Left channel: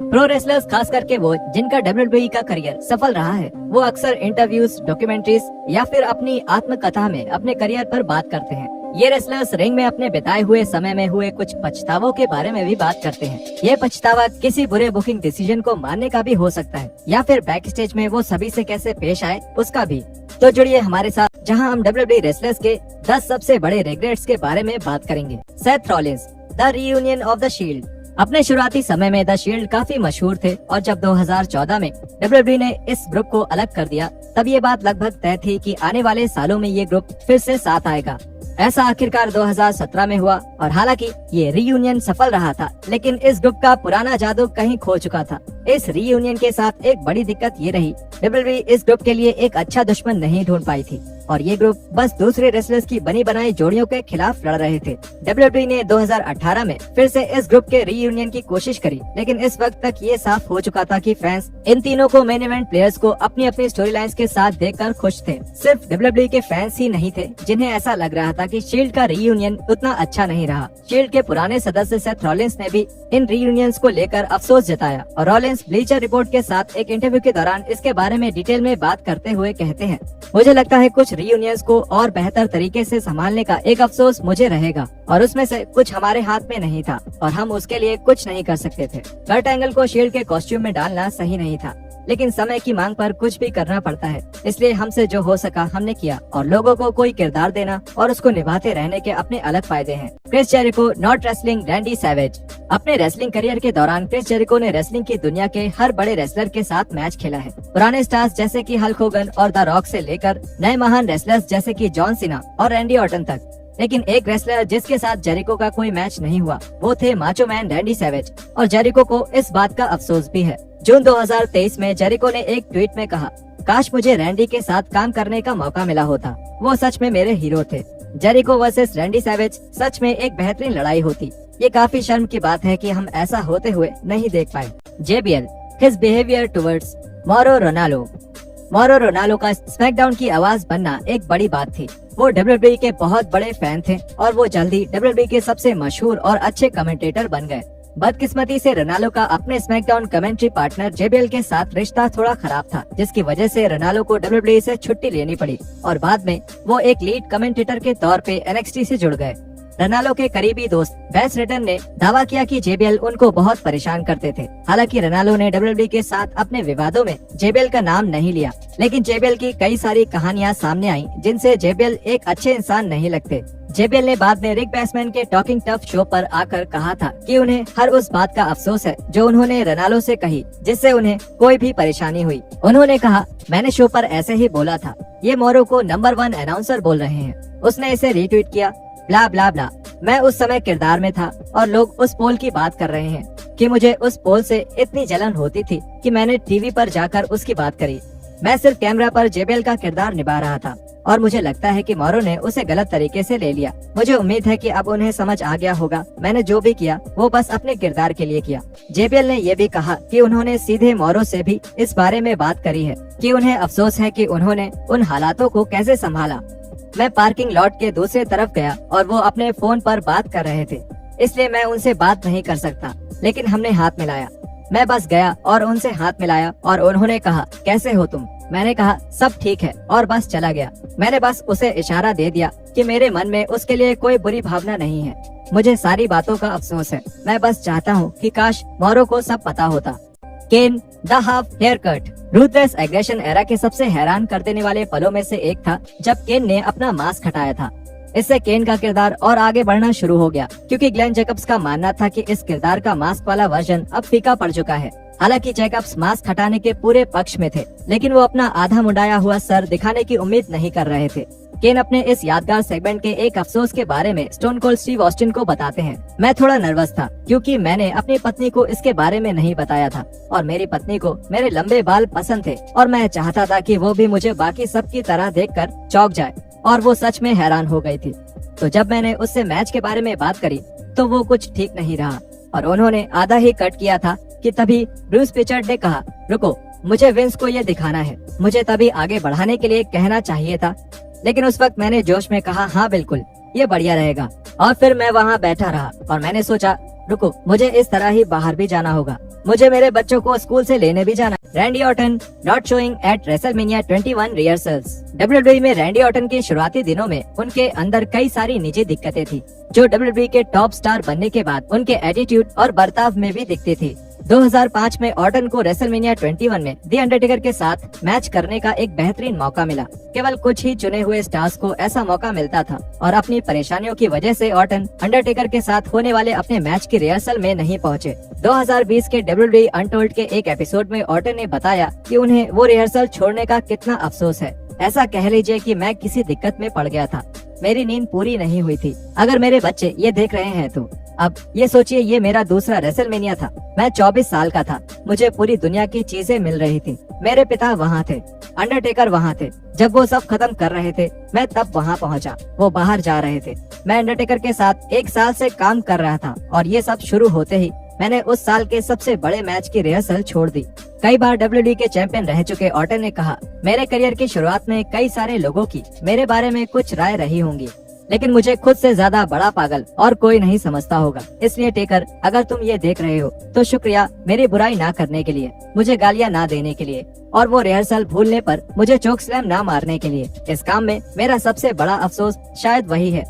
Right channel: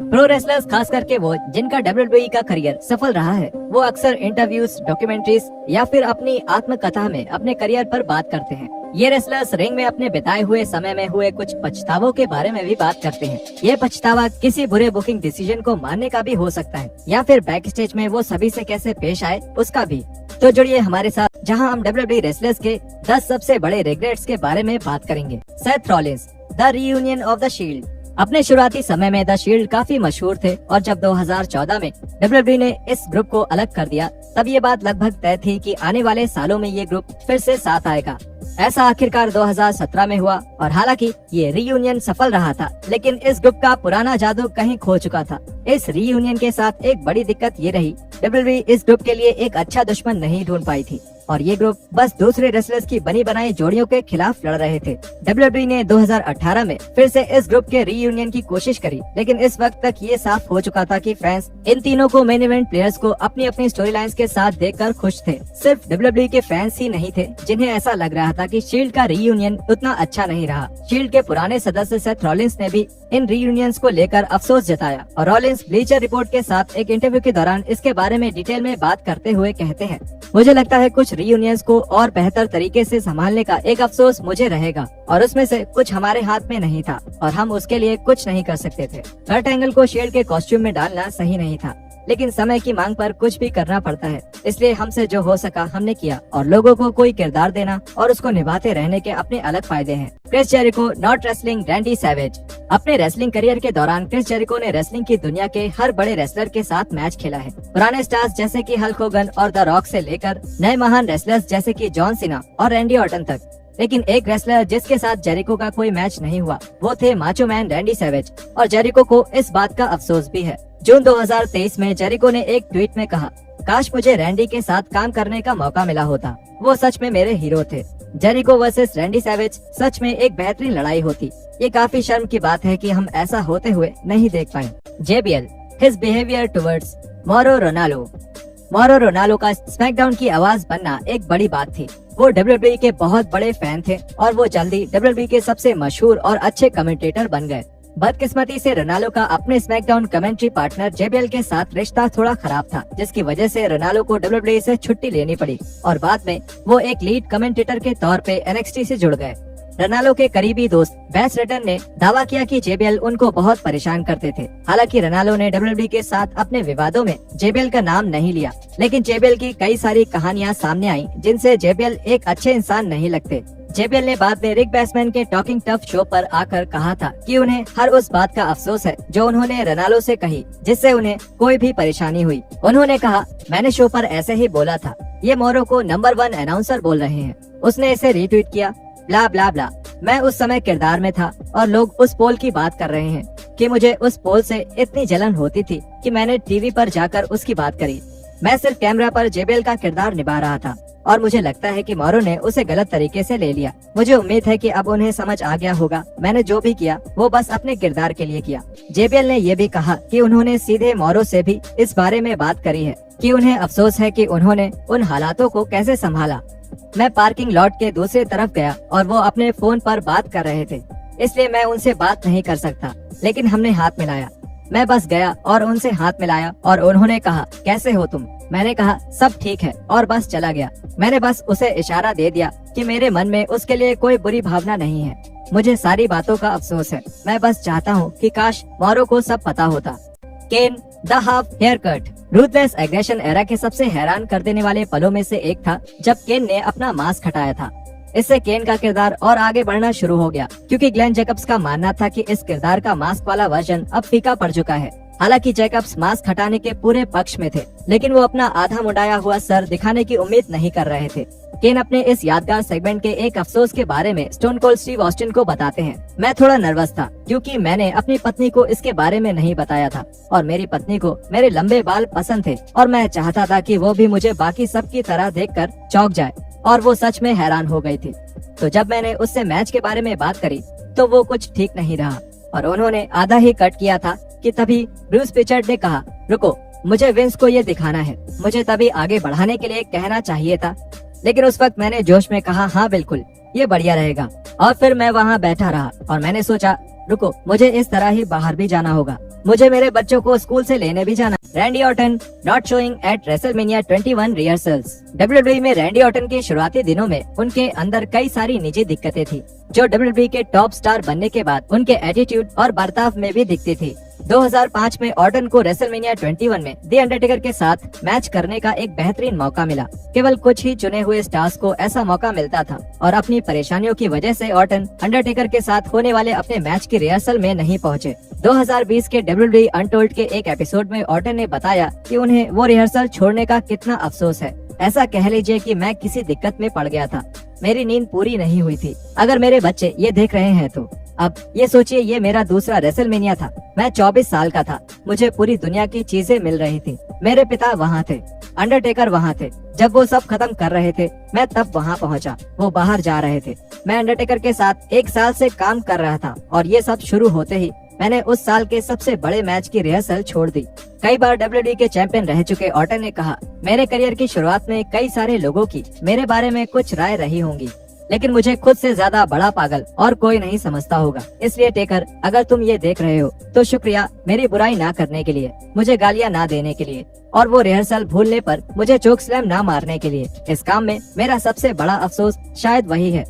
Pro wrestlers, खास करके वो जिनका WWE का करियर सफल रहा है, वो अक्सर इंटरव्यूज, डॉक्यूमेंट्रीज या फिर अपनी आत्मकथा में अपने करियर पर बात करते हैं। ये रेसलर्स रिंग में अपने बिताए हुए समय में हुए कुछ पछतावों के बारे में भी बात करते हैं। ये पछतावा किसी बुरे बुकिंग डिसीजन को मानने का भी हो सकता है या फिर बैक स्टेज में वो सभी से कैसे पेश आए उसका भी। तो जुड़िए हमारे साथ, जहां हम WWE रेसलर्स के 10 सबसे बड़े रिग्रेट्स के बारे में बात करेंगे। Seth Rollins, the reunion of the shield. अपने शुरुआती समय में द शील्ड काफी मशहूर थे और जब 2014 में WWE ने इस ग्रुप को अलग कर दिया, तब ये बात लगभग तय थी कि आने वाले सालों में ये ग्रुप फिर से साथ आएगा। ऐसा आखिरकार 2017 में हुआ और हालांकि ये रीयूनियन सफल रहा था, लेकिन इस ग्रुप का पुराना जादू कहीं खो चुका था। इस रीयूनियन के साथ एक बड़ी दिक्कत ये रही, WWE इस ग्रुप के लिए एक अच्छा दुश्मन नहीं ढूंढ पाई थी और ये ग्रुप बस दूसरे रेसलर्स की बनी बनाई जोड़ियों के खिलाफ लड़ रहे थे। WWE ने 2018 में फिर से इस ग्रुप के रीयूनियन की कोशिश करी, लेकिन इस वक्त तक ये साफ हो चुका था कि फैंस इन तीनों को मेन इवेंट प्लेयर्स को अपनी अपनी स्टोरी लाइन्स के साथ देखकर खुश थे। सिर्फ WWE के फैंस ही नहीं थे जिन्हें ऐसा लग रहा था कि शील्ड का रीयूनियन उतना अच्छा नहीं रहा। शील्ड के पुराने सदस्य सेथ रॉलिंस ने भी इन रीयूनियंस को लेकर अफसोस जताया और रॉलिंस ब्लीचर रिपोर्ट के साथ एक इंटरव्यू के दौरान इसके बारे में डिटेल में बात करते हुए कहते हैं, मुझे लगता है कुछ रीयूनियंस को और बेहतर तरीके से संभालने का एक अफसोस मुझे रहेगा और उसमें से कुछ हमारे हाथ में नहीं था और हम उसके लिए कुछ नहीं कर सकते थे। कर्ट एंगल को शील्ड के कॉस्ट्यूम में डालना सही नहीं था, लेकिन समय की मांग पर कुछ भी करना पड़ता है, इसलिए हमसे जो हो सका हमने किया और लोगों को कोई किरदार देना और उसको निभाते रहने के अपने अलग फायदे हैं। Chris Jericho not wrestling Randy Savage. अपने रेसलिंग करियर के दौरान क्रिस जेरिको ने रेसलिंग की दुनिया के हर बड़े रेसलर के साथ मैच खेला है। पुराने स्टार्स जैसे कि हल्क होगन और द रॉक से लेकर नए महान रेसलर्स जैसे कि जॉन सीना और रैंडी ऑर्टन तक। लेकिन एक रेसलर जिसके साथ जेरिको का कोई मैच नहीं हुआ वो थे माचो मैन रैंडी सैवेज और जेरिको को इस बात का अफसोस भी है। जून 2023 में जेरिको ने एक ट्वीट में कहा, काश मुझे रैंडी के साथ काम करने का मौका मिला होता, वो सच में मेरे हीरो थे। जेरिको वर्सेस रैंडी सैवेज सच में एक बेहतरीन लड़ाई होती। ये काफी शर्म की बात है कि हम ऐसा होते हुए नहीं देख पाए। JBL, his behaviour towards मौरो Ronaldo. मौरो Ronaldo का स्मैकडाउन की आवाज बनना एक बड़ी बात थी। वो WWE के बहुत बड़े फैन थे और वो जल्दी WWE के सबसे मशहूर और अच्छे कमेंटेटर बन गए। बदकिस्मती से रोनाल्डो का अपने स्मैकडाउन कमेंट्री पार्टनर JBL के साथ रिश्ता थोड़ा खराब था, जिसकी वजह से रोनाल्डो को WWE से छुट्टी लेनी पड़ी और बाद में वो एक लीड कमेंटेटर के तौर पे NXT से जुड़ गए। रोनाल्डो के करीबी दोस्त बैस रटन ने दावा किया कि JBL उनको बहुत परेशान करते थे। हालांकि रोनाल्डो ने WWE के साथ अपने विवादों में JBL का नाम नहीं लिया, लेकिन JBL की कई सारी कहानियां सामने आई जिनसे JBL एक अच्छे इंसान नहीं लगते। JBL ने बाद में रिक बैसमैन के टॉकिंग टफ शो पर आकर कहा था कि उन्हें हर उस बात का अफसोस है जो उन्होंने रोनाल्डो से कही जिससे उन्हें कोई भी परेशानी हुई। उन्होंने कहा, मैंने शो पर ऐसे ही बोला था, ये मोरो को नंबर 1 अनाउंसर बोल रहे हैं। उसने इसे रीट्वीट किया, ब्ला ब्ला ब्ला। मैं उस समय किरदार में था और लोग उस पोल की बात कर रहे हैं कि मुझे उस पोल से इतनी जलन होती थी कि मैंने टीवी पर जाकर उसकी बात करी। मैं सिर्फ कैमरा पर JBL का किरदार निभा रहा था और मुझे लगता है कि मौरो ने उसे गलत तरीके से ले लिया। मुझे उम्मीद है कि अब उन्हें समझ आ गया होगा, मैंने जो भी किया वो बस अपने किरदार के लिए किया। JBL ने ये भी कहा कि उन्होंने सीधे मौरो से भी इस बारे में बात करी है कि उन्हें अफसोस है कि उन्होंने उन हालातों को कैसे संभाला। मैं पार्किंग लॉट के दूसरे तरफ गया और वो अपने फोन पर बात कर रहे थे, इसलिए मैं उनसे बात नहीं कर सकता, लेकिन हमने हाथ मिलाया। मैं बस गया और उनसे हाथ मिलाया और उन्होंने कहा, कैसे हो तुम? मैंने कहा, सब ठीक है और बस चला गया। मैंने बस उसे इशारा दे दिया कि मेरे मन में उसके लिए कोई बुरी भावना नहीं है। मुझे सारी बातों का अफसोस है। मैं बस चाहता हूँ कि काश मौरो को सब पता होता। Kane, the half hair cut. Ruthless aggression era के सबसे हैरान कर देने वाले पलों में से एक था जब केन ने अपना मास्क हटाया था। इससे केन का किरदार और आगे बढ़ना शुरू हो गया, क्योंकि ग्लेन जैकब्स का मानना था कि इस किरदार का मास्क वाला वर्जन अब फीका पड़ चुका है। हालांकि जैकब्स मास्क हटाने के पूरे पक्ष में थे, लेकिन वो अपना आधा मुंडाया हुआ सर दिखाने की उम्मीद नहीं कर रहे थे। केन अपने इस यादगार सेगमेंट के एक अफसोस के बारे में स्टोन कोल्ड स्टीव ऑस्टिन को बताते हैं, मैं थोड़ा नर्वस था क्योंकि मैंने अपनी पत्नी को इसके बारे में नहीं बताया था और मेरी पत्नी को मेरे लंबे बाल पसंद थे और मैं चाहता था कि वो भी मुझे बाकी सब की तरह देखकर चौंक जाए और वो सच में हैरान हो गई थी। तो जब मैंने उससे मैच के बारे में बात करी तो वो कुछ ठीक नहीं रहा और उन्होंने आधा ही कट किया था कि तभी ब्रूस पिचर्ड ने कहा, रुको, मुझे विंस को ये दिखाना है। मुझे तभी आगे बढ़ाने के लिए कहना चाहिए था, लेकिन उस वक्त मैंने जोश में कहा, हाँ बिल्कुल, ये बढ़िया रहेगा। और फिर मैं वहाँ बैठा रहा और मैंने सोचा रुको, मुझे इस तरह ही बाहर भी जाना होगा, मुझे मेरे बच्चों को स्कूल से लेने भी जाना। Randy Orton not showing eight WrestleMania 21 rehearsals. WWE में रैंडी ऑर्टन के शुरुआती दिनों में उनके अंदर कई सारी निजी दिक्कतें थी, जो डब्ल्यूडब्ल्यूई के टॉप स्टार बनने के बाद उनके एटीट्यूड और बर्ताव में भी दिखती थी। 2005 में ऑर्टन को रेसलमेनिया 21 में द अंडरटेकर के साथ मैच करने का एक बेहतरीन मौका मिला। केवल कुछ ही चुने हुए स्टार्स को ऐसा मौका मिलता था और अपनी परेशानियों की वजह से ऑर्टन अंडरटेकर के साथ होने वाले अपने मैच की रिहर्सल में नहीं पहुंचे। 2020 के डब्ल्यूडब्ल्यूई अनटोल्ड के एक एपिसोड में ऑर्टन ने बताया कि उन्हें वो रिहर्सल छोड़ने का कितना अफसोस है। ऐसा कह लीजिए कि मैं किसी दिक्कत में पड़ गया था, मेरी नींद पूरी नहीं हुई थी। अगर मेरे बच्चे ये देख रहे हैं तो अब ये सोचिए, ये मेरा दूसरा रेसलमेनिया था। मैं 24 साल का था, मुझे पूरी दुनिया की चीजें मिल रही थी। मेरे पिता वहाँ थे, अंडरटेकर वहाँ थे। जब वो सब खत्म कर रहे थे, मैं तब वहाँ पहुँचा। वो बाहर जा रहे थे। मैं अंडरटेकर के साथ 1 साल से काम कर रहा था और ये सब शुरू होते ही मैंने उस साल के सबसे बड़े मैच की रिहर्सल छोड़ दी। कई बार डब्ल्यूडब्ल्यूई के चैंपियन रह चुके ऑर्टन ने कहा, मेरे करियर की शुरुआत में कई सारे लोगों की मेरे बारे में कुछ राय रही होंगी, लेकिन मुझे खुद से ज्यादा बड़ा पागल और कोई नहीं समझता होगा। इसलिए टेकर, अगर तुम ये देख रहे हो तो शुक्रिया मेरी बुराई ना करने के लिए, मुझे गालियाँ ना देने के लिए और वो रिहर्सल भूलने पर मुझे चोक स्लैम ना मारने के लिए। इस काम में मेरा सबसे बड़ा अफसोस शायद वही है।